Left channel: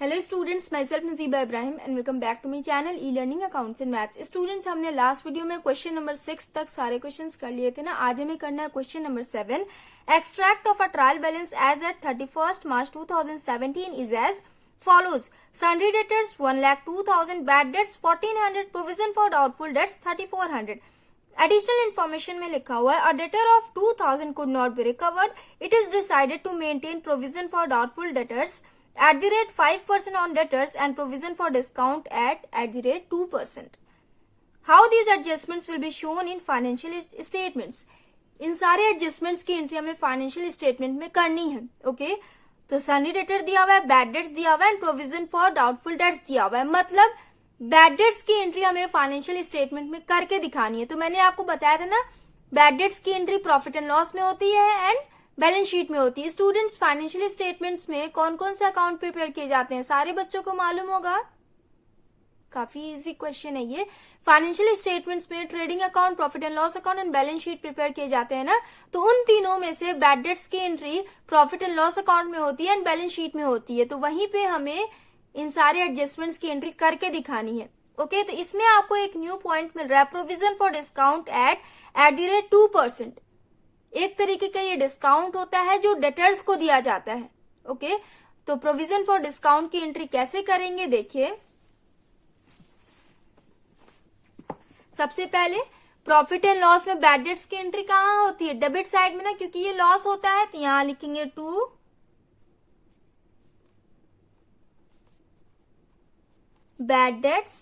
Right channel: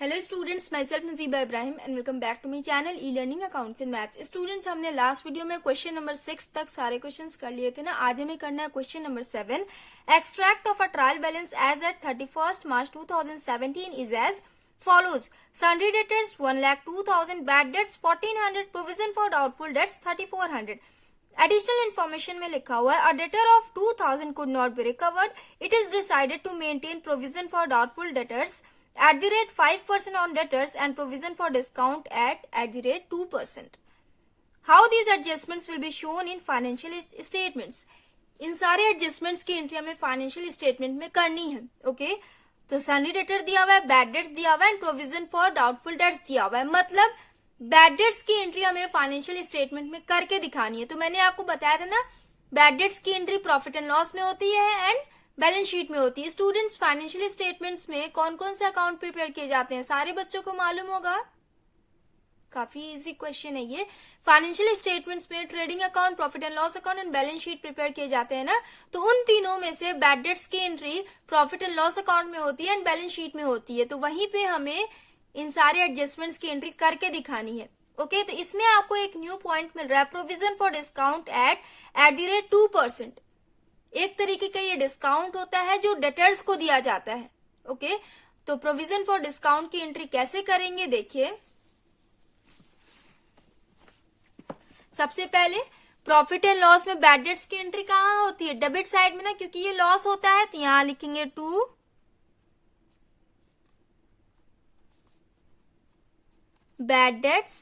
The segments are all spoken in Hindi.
Hello students, myself Najiba Ibrahim and welcome back to my channel e learning accounts and maths. Students, हमने लास्ट वीडियो में क्वेश्चन नंबर 6 तक सारे क्वेश्चंस कर लिए थे ना। आज हमें करना है question number 7। Extract of a trial balance as at 31st March 2017 is as follows. Sundry debtors 1,02,000, bad debts 1,400, provision for doubtful debts 3,400. Additional information में लिखा हुआ है, a debtor of 2,000 could not be recovered. It is decided to maintain provision for doubtful debtors at the rate 5% on debtors and provision for discount at the rate 2%. How these adjustments will be shown in financial statements? इन सारे एडजस्टमेंट्स की एंट्री हमें फाइनेंशियल स्टेटमेंट में करनी है। ओके, तो सन्नी डेटर दिया हुआ है, बैड डेट्स दिया हुआ है and provision for doubtful debts दिया हुआ है। मतलब बैड डेट्स की एंट्री हमें फाइनेंशियल स्टेटमेंट में करके दिखानी है। तो मैंने आपको बताया था ना, बैड डेट्स की एंट्री प्रॉफिट एंड लॉस में होती है एंड बैलेंस शीट में होती है। स्टूडेंट्स, फाइनेंशियल स्टेटमेंट्स में कौन कौन से अकाउंट प्रिपेयर किए जाते हैं सारे बच्चों को मालूम होगा। काफी इजी क्वेश्चन है ये। फाइनेंशियल स्टेटमेंट्स में trading account, profit and loss account and balance sheet prepare किए जाते हैं ना। तो उन तीनों में से बैड डेट्स की entry profit and loss account में होती है एंड बैलेंस शीट में होती है। तो वहीं पे हमें इन सारे एडजस्टमेंट्स की एंट्री करके दिखानी है। ओके, तो इसमें आपको एक न्यू पॉइंट मिल रहा है, provision for discount at the rate 2%। एक तरीके का ये डिस्काउंट होता है जो डेटर्स को दिया जाता है। ओके, तो प्रोविजन फॉर डिस्काउंट की एंट्री कैसे करेंगे, देखिए। सबसे पहले प्रॉफिट एंड लॉस में बैड डेट्स की एंट्री कहाँ होती है? डेबिट साइड में ना, क्योंकि ये लॉस होता है तो यहां लिखेंगे 2 बैड डेट्स।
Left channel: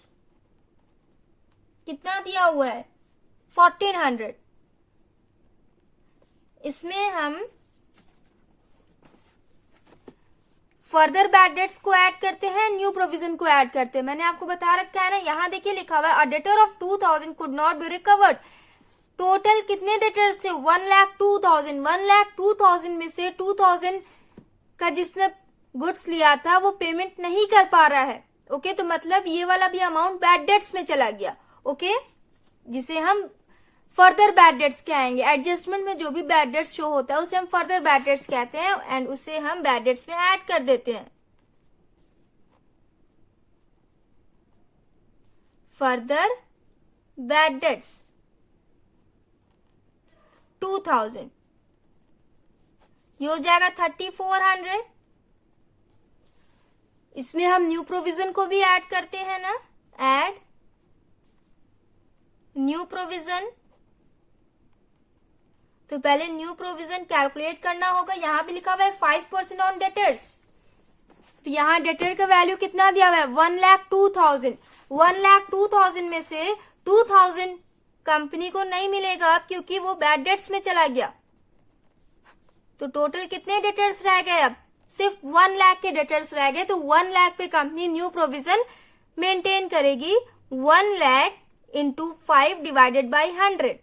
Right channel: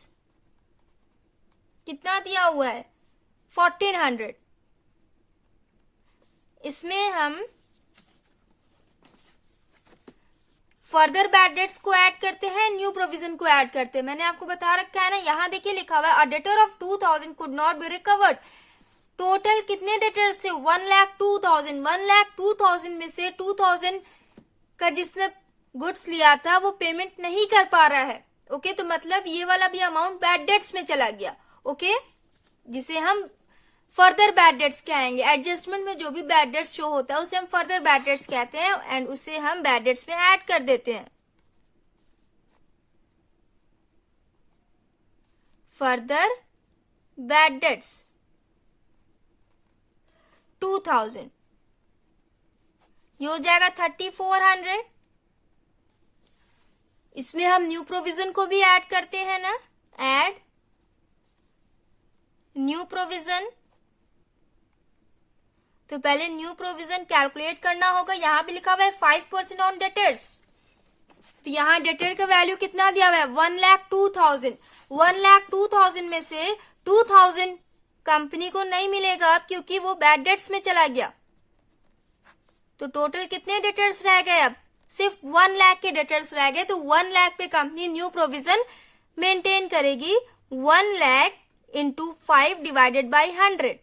कितना दिया हुआ है? 1,400। इसमें हम फर्दर बैड डेट्स को ऐड करते हैं, न्यू प्रोविजन को ऐड करते हैं। मैंने आपको बता रखा है ना, यहां देखिए लिखा हुआ है, अ debtor of 2,000 could not be recovered. Total कितने डेटर्स थे? 1,02,000। 1,02,000 में से 2,000 का जिसने गुड्स लिया था वो पेमेंट नहीं कर पा रहा है। ओके, तो मतलब ये वाला भी अमाउंट बैड डेट्स में चला गया। ओके, जिसे हम फर्दर बैड डेट्स कहेंगे। एडजस्टमेंट में जो भी बैड डेट्स शो होता है उसे हम फर्दर बैड डेट्स कहते हैं एंड उसे हम बैड डेट्स में ऐड कर देते हैं। फर्दर बैड डेट्स 2,000, ये हो जाएगा 3,400। इसमें हम न्यू प्रोविजन को भी ऐड करते हैं ना, ऐड न्यू प्रोविजन। तो पहले न्यू प्रोविजन कैलकुलेट करना होगा। यहां भी लिखा हुआ है 5% ऑन डेटर्स। तो यहां डेटर का वैल्यू कितना दिया हुआ है? 1,02,000। 1,02,000 में से 2,000 कंपनी को नहीं मिलेगा क्योंकि वो बैड डेट्स में चला गया। तो टोटल कितने डेटर्स रह गए? अब सिर्फ 1 लाख के डेटर्स रह गए। तो 1 लाख पे कंपनी न्यू प्रोविजन मेंटेन करेगी। 1 लाख इंटू 5 डिवाइडेड बाई 100,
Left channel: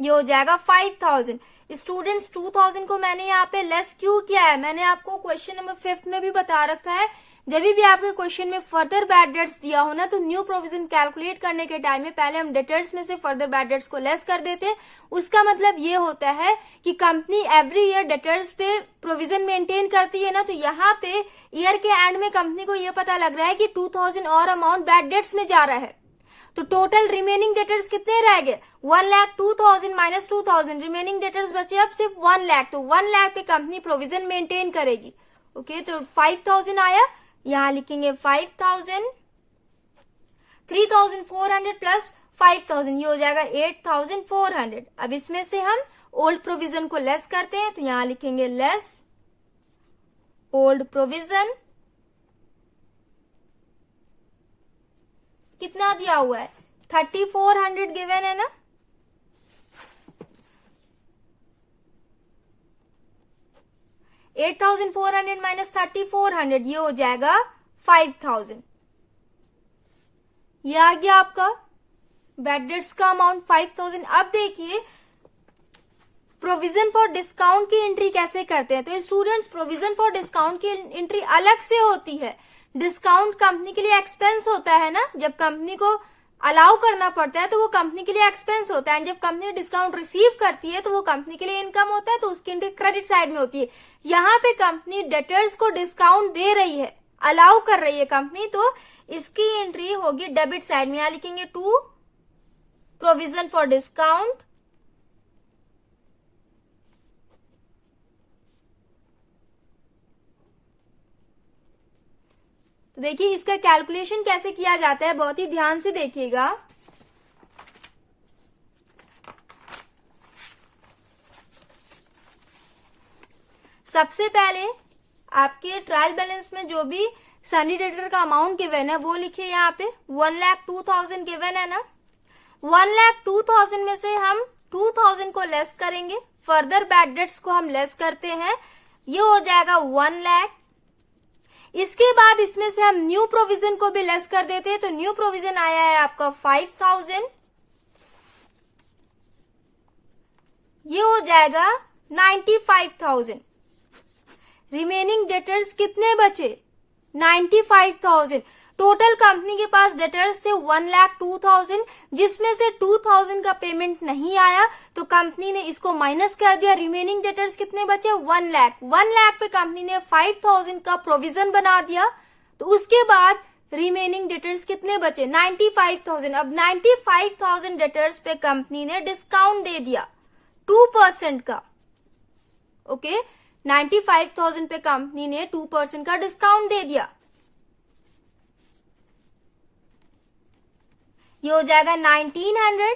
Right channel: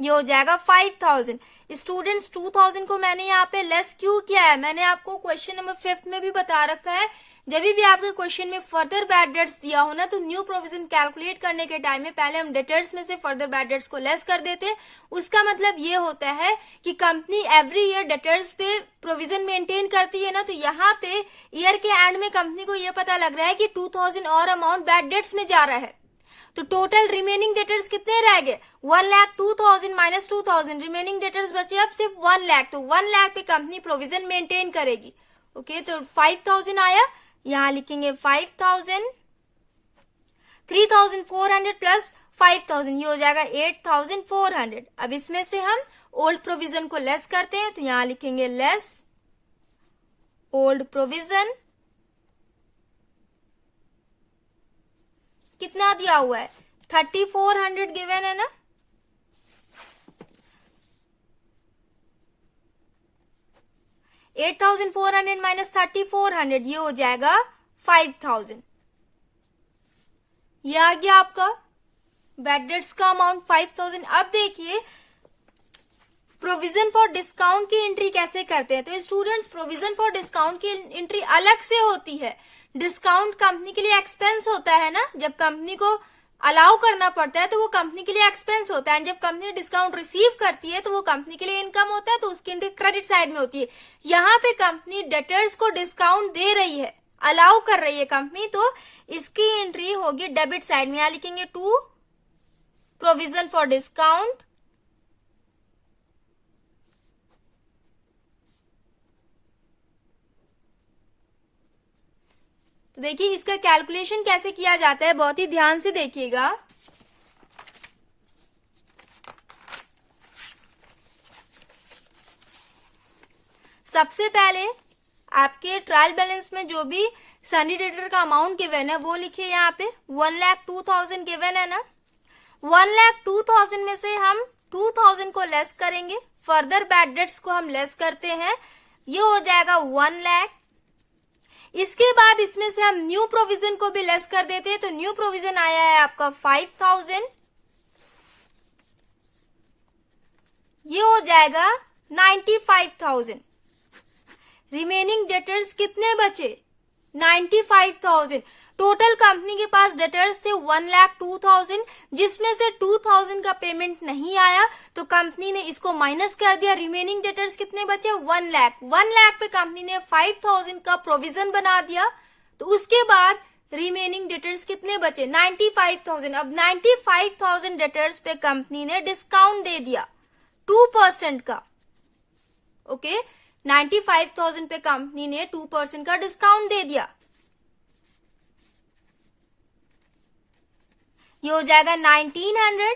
ये हो जाएगा 5,000। स्टूडेंट्स, 2,000 को मैंने यहाँ पे लेस क्यों किया है? मैंने आपको क्वेश्चन नंबर 5 में भी बता रखा है, जब भी आपके क्वेश्चन में फर्दर बैड डेट्स दिया हो ना, तो न्यू प्रोविजन कैलकुलेट करने के टाइम में पहले हम डेटर्स में से फर्दर बैड डेट्स को लेस कर देते। उसका मतलब ये होता है कि कंपनी एवरी ईयर डेटर्स पे प्रोविजन मेंटेन करती है ना। तो यहाँ पे ईयर के एंड में कंपनी को ये पता लग रहा है कि 2,000 और अमाउंट बैड डेट्स में जा रहा है। तो टोटल रिमेनिंग डेटर्स कितने रह गए? 1,02,000 माइनस 2,000, रिमेनिंग डेटर्स बचे अब सिर्फ 1 लाख। तो 1 लाख पे कंपनी प्रोविजन मेंटेन करेगी। ओके, तो 5,000 आया, यहां लिखेंगे 5,000। 3,400 प्लस 5,000, ये हो जाएगा 8,400। अब इसमें से हम ओल्ड प्रोविजन को लेस करते हैं, तो यहां लिखेंगे लेस ओल्ड प्रोविजन। कितना दिया हुआ है? 3,400 गिवन है ना। $8,400 माइनस 3,400, ये हो जाएगा 5,000। ये आ गया आपका बैड डेट्स का अमाउंट 5,000। अब देखिए प्रोविजन फॉर डिस्काउंट की एंट्री कैसे करते हैं। तो स्टूडेंट्स, प्रोविजन फॉर डिस्काउंट की एंट्री अलग से होती है। डिस्काउंट कंपनी के लिए एक्सपेंस होता है ना। जब कंपनी को अलाउ करना पड़ता है तो वो कंपनी के लिए एक्सपेंस होता है, एंड जब कंपनी डिस्काउंट रिसीव करती है तो वो कंपनी के लिए इनकम होता है, तो उसकी एंट्री क्रेडिट साइड में होती है। यहाँ पे कंपनी डेटर्स को डिस्काउंट दे रही है, अलाउ कर रही है कंपनी, तो इसकी एंट्री होगी डेबिट साइड में। यहां लिखेंगे टू प्रोविजन फॉर डिस्काउंट, तो देखिए इसका कैलकुलेशन कैसे किया जाता है, बहुत ही ध्यान से देखिएगा। सबसे पहले आपके ट्रायल बैलेंस में जो भी सनी डेटर का अमाउंट गिवन है वो लिखिए। यहाँ पे 1,02,000 गिवन है ना, 1,02,000 में से हम 2,000 को लेस करेंगे, फर्दर बैड डेट्स को हम लेस करते हैं, ये हो जाएगा 1 लाख। इसके बाद इसमें से हम न्यू प्रोविजन को भी लेस कर देते हैं, तो न्यू प्रोविजन आया है आपका 5,000, ये हो जाएगा 95,000। रिमेनिंग डेटर्स कितने बचे? 95,000। टोटल कंपनी के पास डेटर्स थे 1,02,000, जिसमें से 2,000 का पेमेंट नहीं आया तो कंपनी ने इसको माइनस कर दिया। रिमेनिंग डेटर्स कितने बचे? 1 लाख। 1 लाख पे कंपनी ने 5,000 का प्रोविजन बना दिया, तो उसके बाद रिमेनिंग डेटर्स कितने बचे? 95,000। अब 95,000 डेटर्स पे कंपनी ने डिस्काउंट दे दिया 2% का। ओके, 95,000 पे कंपनी ने 2% का डिस्काउंट दे दिया, ये हो जाएगा 1900।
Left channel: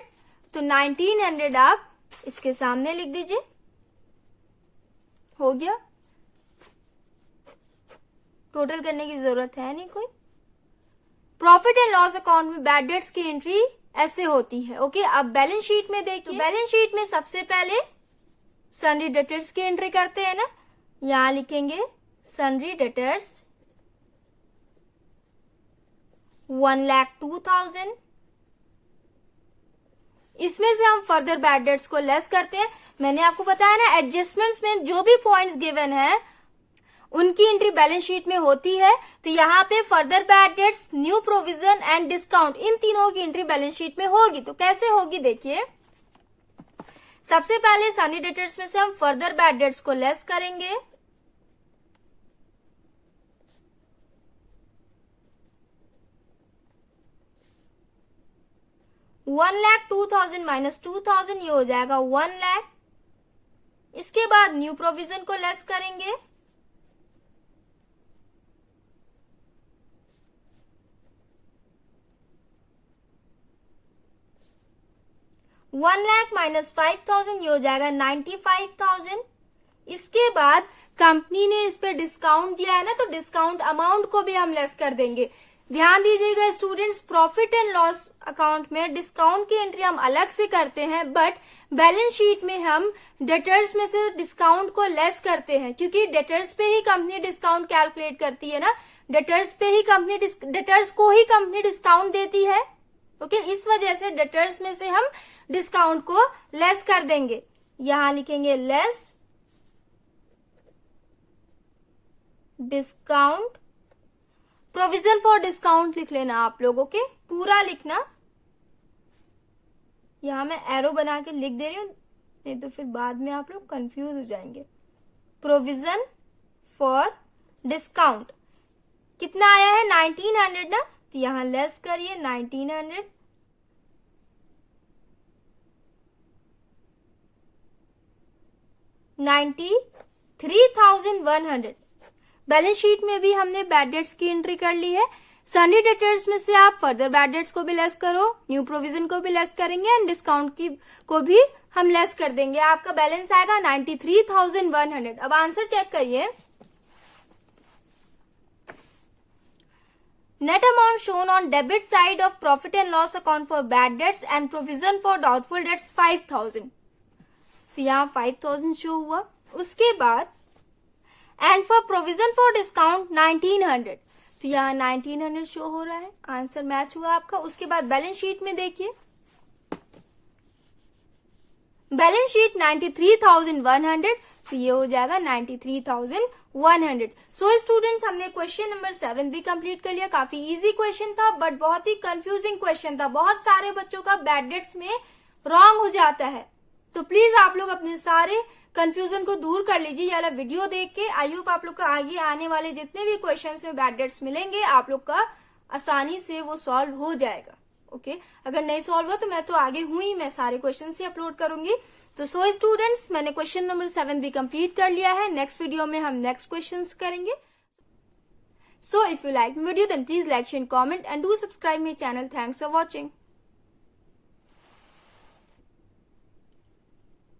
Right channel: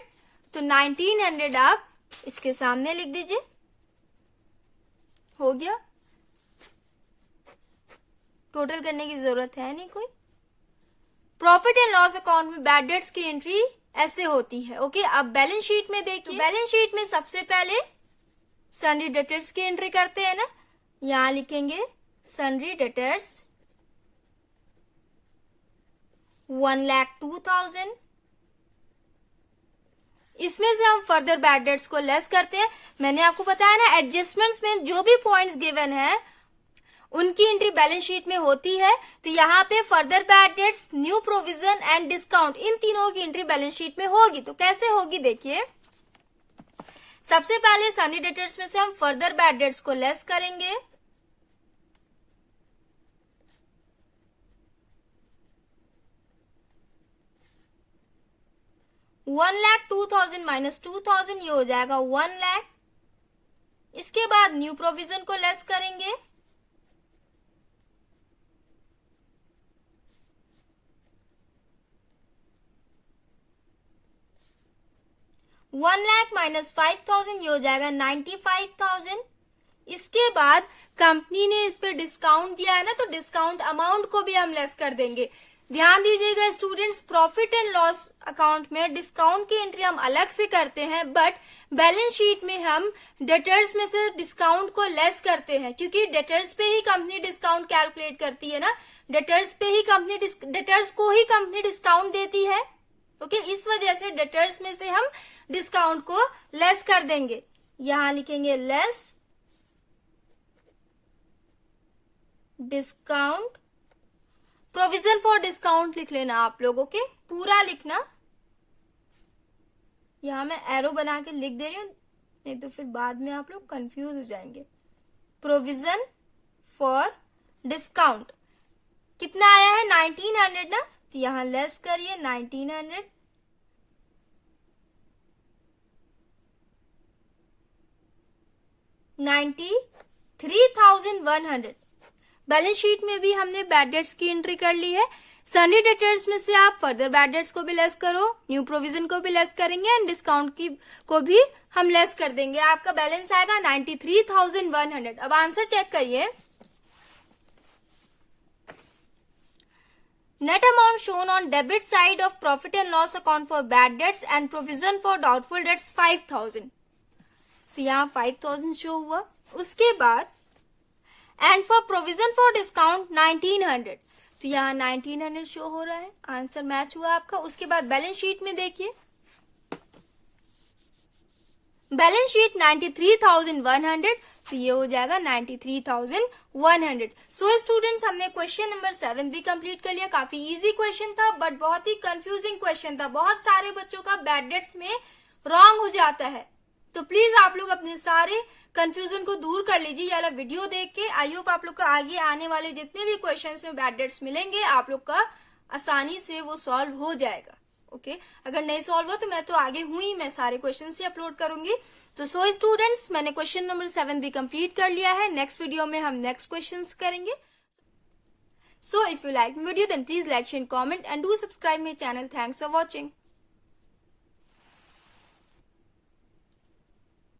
तो 1900 आप इसके सामने लिख दीजिए, हो गया। टोटल करने की जरूरत है नहीं कोई। प्रॉफिट एंड लॉस अकाउंट में बैड डेट्स की एंट्री ऐसे होती है। ओके, अब बैलेंस शीट में देखिए, बैलेंस शीट में सबसे पहले सन्ड्री डेटर्स की एंट्री करते हैं ना, यहां लिखेंगे सन्ड्री डेटर्स 1,02,000। इसमें से हम फर्दर बैड डेट्स को लेस करते हैं। मैंने आपको बताया ना, एडजस्टमेंट्स में जो भी पॉइंट्स गिवन है उनकी एंट्री बैलेंस शीट में होती है, तो यहाँ पे further bad debts, new provision and discount, इन तीनों की एंट्री बैलेंस शीट में होगी। तो कैसे होगी देखिए, सबसे पहले सन्नी डेटर्स में से हम फर्दर बैड डेट्स को लेस करेंगे, $1,02,000 माइनस 2,000, ये हो जाएगा 1 लाख। इसके बाद न्यू प्रोविजन को लेस करेंगे, $1 लाख माइनस 5,000, ये हो जाएगा 95,000। इसके बाद कंपनी ने इस पे डिस्काउंट दिया है ना, तो डिस्काउंट अमाउंट को भी हम लेस कर देंगे। ध्यान दीजिएगा students, profit and loss account में डिस्काउंट की एंट्री हम अलग से करते हैं, बट बैलेंस शीट में हम डेटर्स में से डिस्काउंट को लेस करते हैं, क्योंकि डेटर्स पे ही कंपनी डिस्काउंट कैलकुलेट करती है ना, डेटर्स को ही कंपनी डिस्काउंट देती है। ओके, इस वजह से डेटर्स में से हम डिस्काउंट को लेस कर देंगे। यहां लिखेंगे less discount, provision for discount लिख लेना आप लोग। ओके, पूरा लिखना, यहां मैं एरो बना के लिख दे रही हूं, नहीं तो फिर बाद में आप लोग कंफ्यूज हो जाएंगे। प्रोविजन फॉर डिस्काउंट कितना आया है? 1900 ना, तो यहां लेस करिए 1900, $93,100। बैलेंस शीट में भी हमने बैड डेट्स की एंट्री कर ली है। सन्नी डेटर्स में से आप फर्दर बैड डेट्स को भी लेस करो, न्यू प्रोविजन को भी लेस करेंगे एंड डिस्काउंट की को भी हम लेस कर देंगे। आपका बैलेंस आएगा 93,100। अब आंसर चेक करिए। Net amount shown on debit side of profit and loss account for bad debts and provision for doubtful debts 5,000। तो यहाँ 5,000 शो हुआ। उसके बाद and for provision for discount 1900, तो यहाँ 1900 शो हो रहा है। आंसर मैच हुआ आपका। उसके बाद बैलेंस शीट में देखिए, बैलेंस शीट 93,100, तो ये हो जाएगा 93,100। सो स्टूडेंट्स, हमने क्वेश्चन नंबर 7 भी कंप्लीट कर लिया। काफी इजी क्वेश्चन था बट बहुत ही कंफ्यूजिंग क्वेश्चन था। बहुत सारे बच्चों का बैड डेट्स में रॉन्ग हो जाता है, तो प्लीज आप लोग अपने सारे कंफ्यूजन को दूर कर लीजिए। ये वाला वीडियो देख के आई होप आप लोग को आगे आने वाले जितने भी क्वेश्चंस में बैड डेट्स मिलेंगे आप लोग का आसानी से वो सॉल्व हो जाएगा। ओके, अगर नहीं सॉल्व हो तो मैं तो आगे हूं ही, मैं सारे क्वेश्चन ही अपलोड करूंगी। तो सो स्टूडेंट्स, मैंने क्वेश्चन नंबर 7 भी कंप्लीट कर लिया है। नेक्स्ट वीडियो में हम नेक्स्ट क्वेश्चंस करेंगे। So if you like video then please like share comment and do subscribe my channel. Thanks for watching.